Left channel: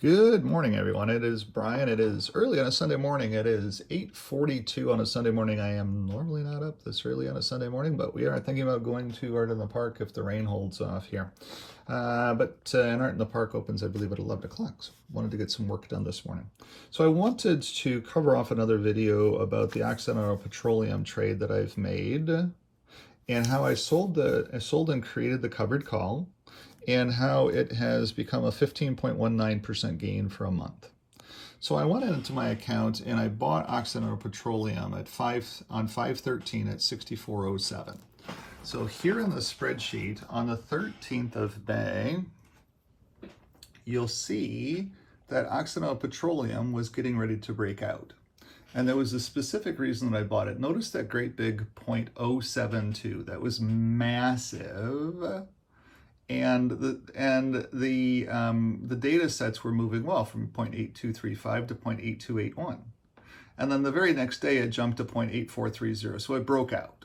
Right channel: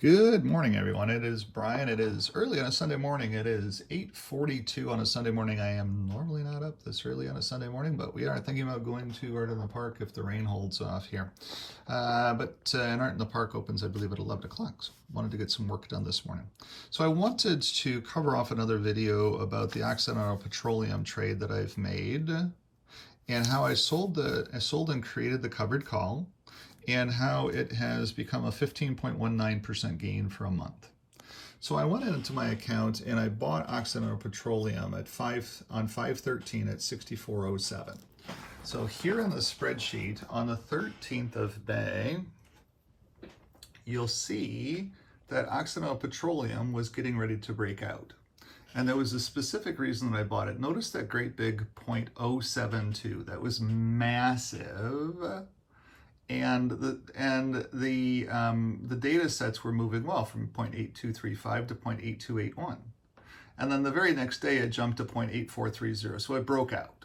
Good morning, everyone. It is Brian. It is early on a Sunday morning. It is 8:42 on a Sunday morning. I am normally not up this early on a Sunday morning, but we are thinking about going to Art in the Park if the rain holds off here. And Art in the Park opens, I believe, at 11 o'clock. So wanted to get some work done this morning. So I wanted to cover off another video about the Occidental petroleum trade that I've made and how I sold and created the covered call, and how it has become a 15.19% gain for a month. So I went into my account and I bought Occidental Petroleum at 5/13 at 64.07. So here in the spreadsheet on the 13th of May, you'll see that Occidental Petroleum was getting ready to break out. And there was a specific reason that I bought it. Notice that great big 0.072. That was massive. And the data sets were moving well from 0.8235 to 0.8281. And then the very next day it jumped to 0.8430. So it broke out.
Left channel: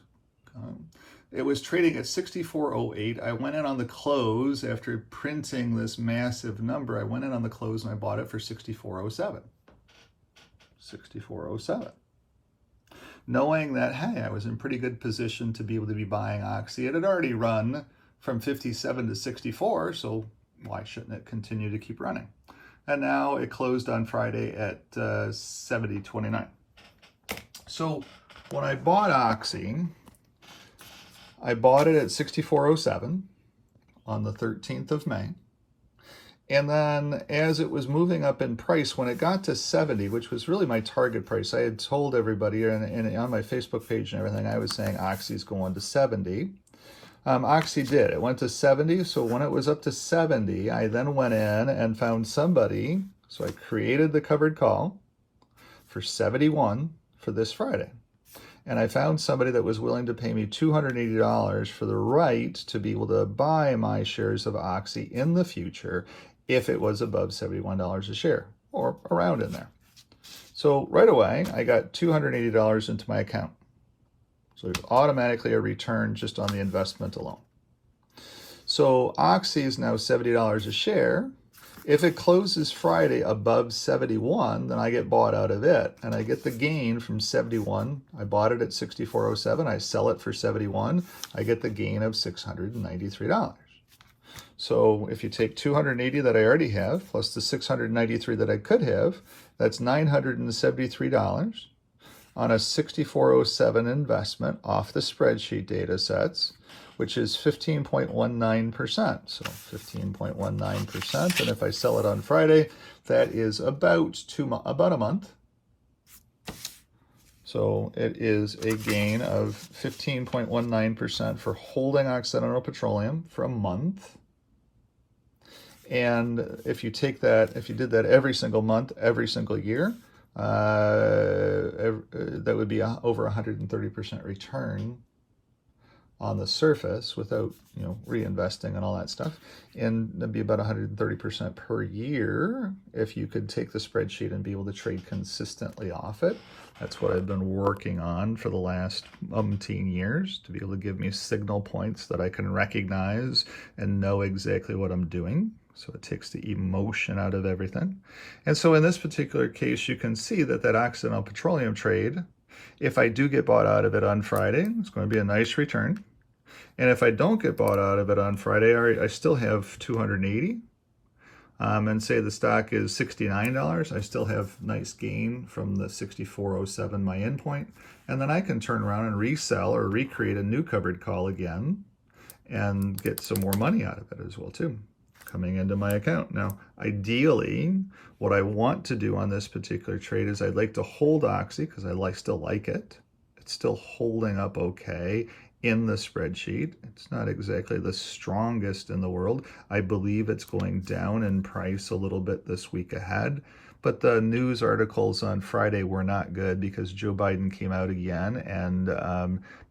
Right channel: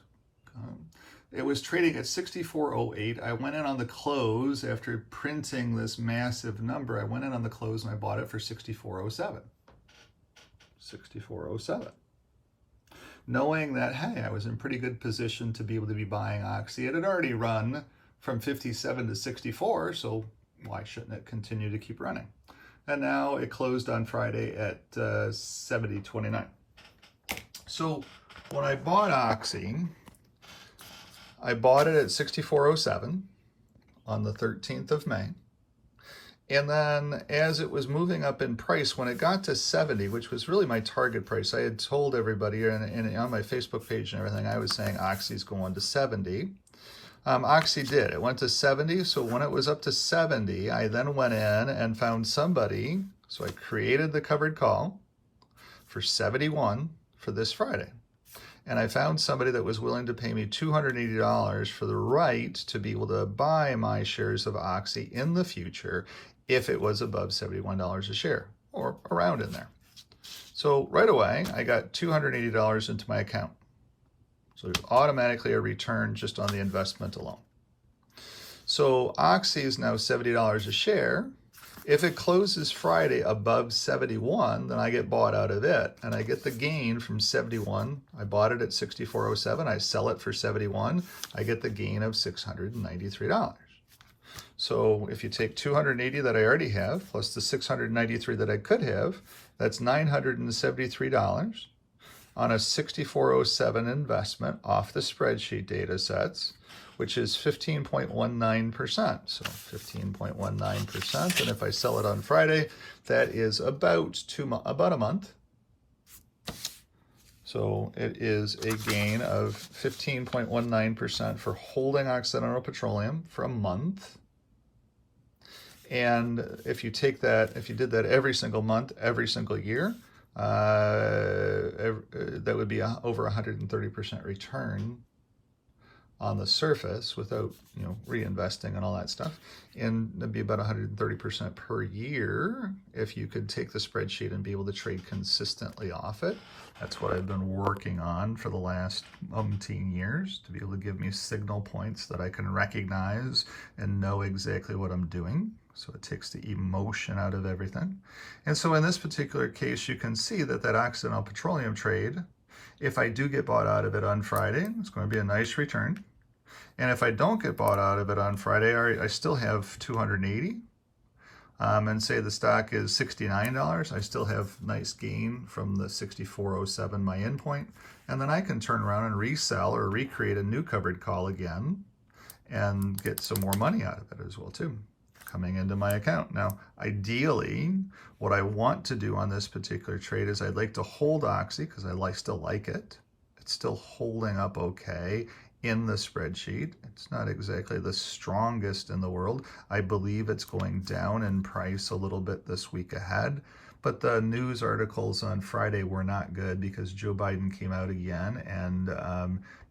It was trading at 64.08. I went in on the close after printing this massive number. I went in on the close and I bought it for 64.07. 64.07. Knowing that, hey, I was in pretty good position to be able to be buying Oxy. It had already run from 57 to 64, so why shouldn't it continue to keep running? And now it closed on Friday at 70.29. So when I bought Oxy, I bought it at 64.07 on the 13th of May. And then as it was moving up in price, when it got to 70, which was really my target price, I had told everybody and on my Facebook page and everything, I was saying Oxy's going to 70. Oxy did. It went to 70, so when it was up to 70, I then went in and found somebody, so I created the covered call for 71 for this Friday. And I found somebody that was willing to pay me $280 for the right to be able to buy my shares of Oxy in the future if it was above $71 a share, or around in there. So right away, I got $280 into my account. So automatically a return just on the investment alone. So Oxy is now $70 a share. If it closes Friday above 71, then I get bought out of it. And I get the gain from 71. I bought it at 64.07. I sell it for 71. I get the gain of $693. So if you take 280 that I already have, plus the 693 that I could have, that's $973 on a 64.07 investment off the spreadsheet data sets, which is 15.19%. So 15.19%, and if I sell it on Friday, that is about a month. So it is a gain of 15.19% for holding Occidental Petroleum for a month. And if you take that, if you did that every single month, every single year, that would be over 130% return on the surface without reinvesting and all that stuff, and that'd be about 130% per year if you could take the spreadsheet and be able to trade consistently off it. That's what I've been working on for the last umpteen years, to be able to give me signal points that I can recognize and know exactly what I'm doing. So it takes the emotion out of everything. And so in this particular case, you can see that Occidental Petroleum trade, if I do get bought out of it on Friday, it's going to be a nice return. And if I don't get bought out of it on Friday, I still have 280. And say the stock is $69, I still have nice gain from the 64.07, my in point. And then I can turn around and resell or recreate a new covered call again and get some more money out of it as well too, coming into my account. Now, ideally, what I want to do on this particular trade is I'd like to hold Oxy because I still like it. It's still holding up okay in the spreadsheet. It's not exactly the strongest in the world. I believe it's going down in price a little bit this week ahead. But the news articles on Friday were not good because Joe Biden came out again and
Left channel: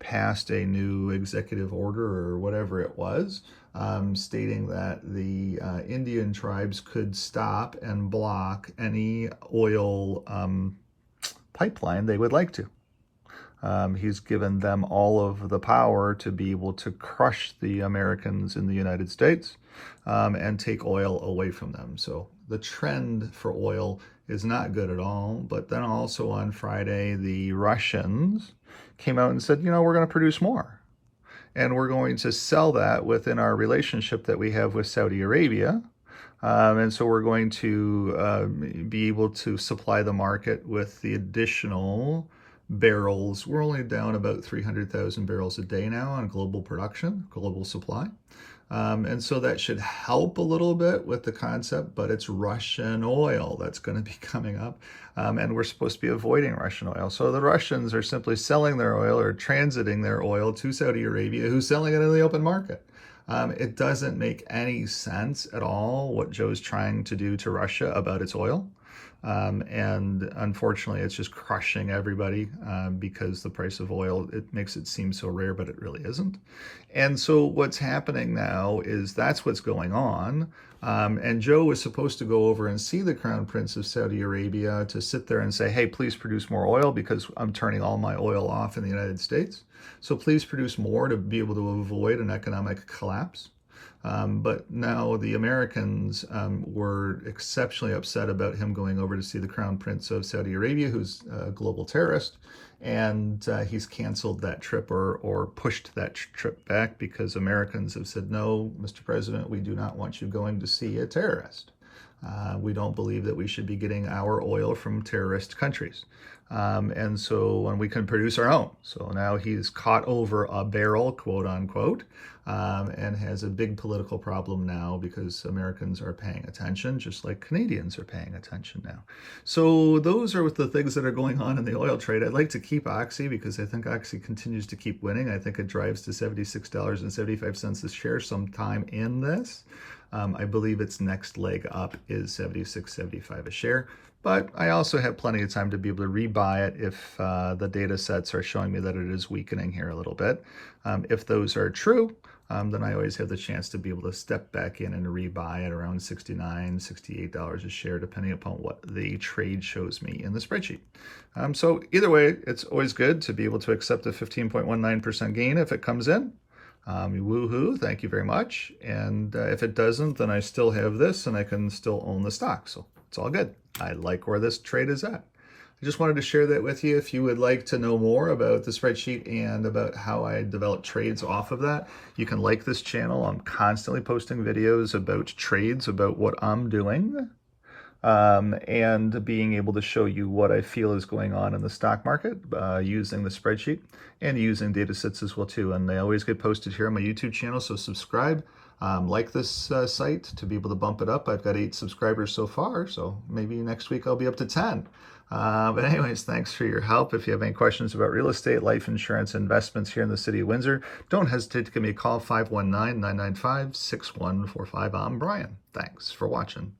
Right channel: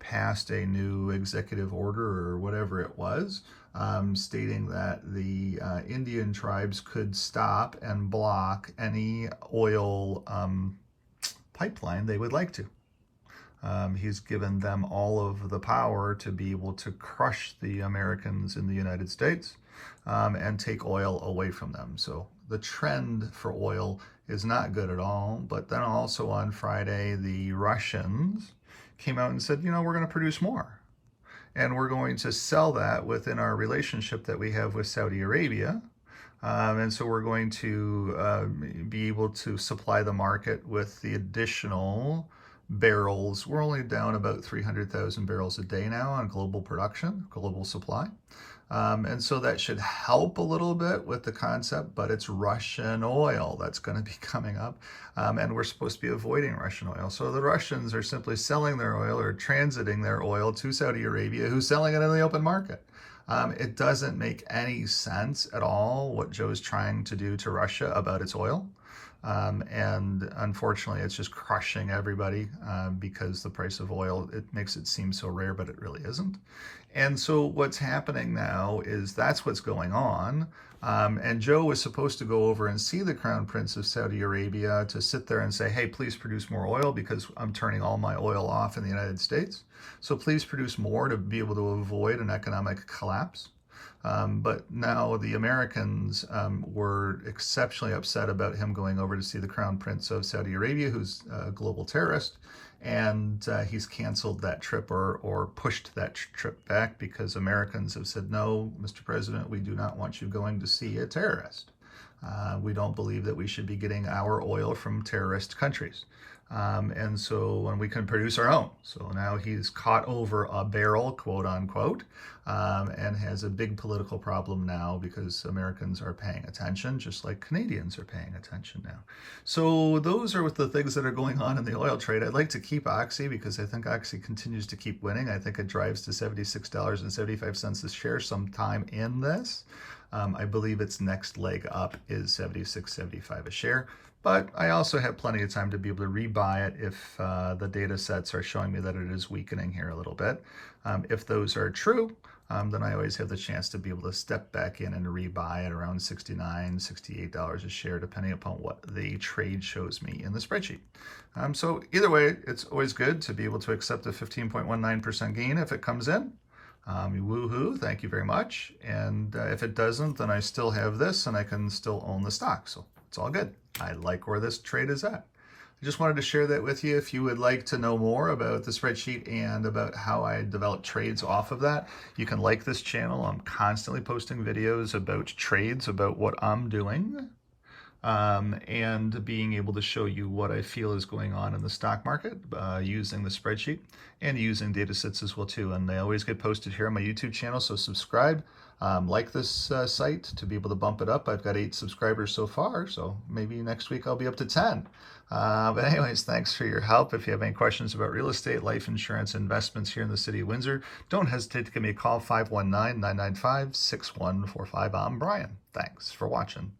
passed a new executive order or whatever it was, stating that the Indian tribes could stop and block any oil pipeline they would like to. He's given them all of the power to be able to crush the Americans in the United States and take oil away from them. So the trend for oil is not good at all. But then also on Friday, the Russians came out and said, you know, we're going to produce more. And we're going to sell that within our relationship that we have with Saudi Arabia. And so we're going to be able to supply the market with the additional barrels. We're only down about 300,000 barrels a day now on global production, global supply. And so that should help a little bit with the concept, but it's Russian oil that's going to be coming up. And we're supposed to be avoiding Russian oil. So the Russians are simply selling their oil or transiting their oil to Saudi Arabia, who's selling it in the open market. It doesn't make any sense at all what Joe's trying to do to Russia about its oil. And unfortunately, it's just crushing everybody because the price of oil, it makes it seem so rare, but it really isn't. And so what's happening now is that's what's going on. And Joe was supposed to go over and see the Crown Prince of Saudi Arabia to sit there and say, hey, please produce more oil because I'm turning all my oil off in the United States. So please produce more to be able to avoid an economic collapse. But now the Americans were exceptionally upset about him going over to see the Crown Prince of Saudi Arabia, who's a global terrorist, and he's canceled that trip or pushed that trip back because Americans have said, no, Mr. President, we do not want you going to see a terrorist. We don't believe that we should be getting our oil from terrorist countries. And so when we can produce our own. So now he's caught over a barrel, quote unquote, and has a big political problem now because Americans are paying attention, just like Canadians are paying attention now. So those are the things that are going on in the oil trade. I'd like to keep Oxy because I think Oxy continues to keep winning. I think it drives to $76.75 a share sometime in this. I believe its next leg up is $76.75 a share. But I also have plenty of time to be able to rebuy it if the data sets are showing me that it is weakening here a little bit. If those are true, then I always have the chance to be able to step back in and rebuy at around $69, $68 a share, depending upon what the trade shows me in the spreadsheet. So either way, it's always good to be able to accept a 15.19% gain if it comes in. Woohoo, thank you very much. And if it doesn't, then I still have this and I can still own the stock. So it's all good. I like where this trade is at. I just wanted to share that with you. If you would like to know more about the spreadsheet and about how I develop trades off of that, you can like this channel. I'm constantly posting videos about trades, about what I'm doing, and being able to show you what I feel is going on in the stock market using the spreadsheet and using data sets as well too. And they always get posted here on my YouTube channel, so subscribe. Like this site to be able to bump it up. I've got 8 subscribers so far, so maybe next week I'll be up to 10. But anyways, thanks for your help. If you have any questions about real estate, life insurance, investments here in the city of Windsor, don't hesitate to give me a call, 519-995-6145. I'm Brian. Thanks for watching.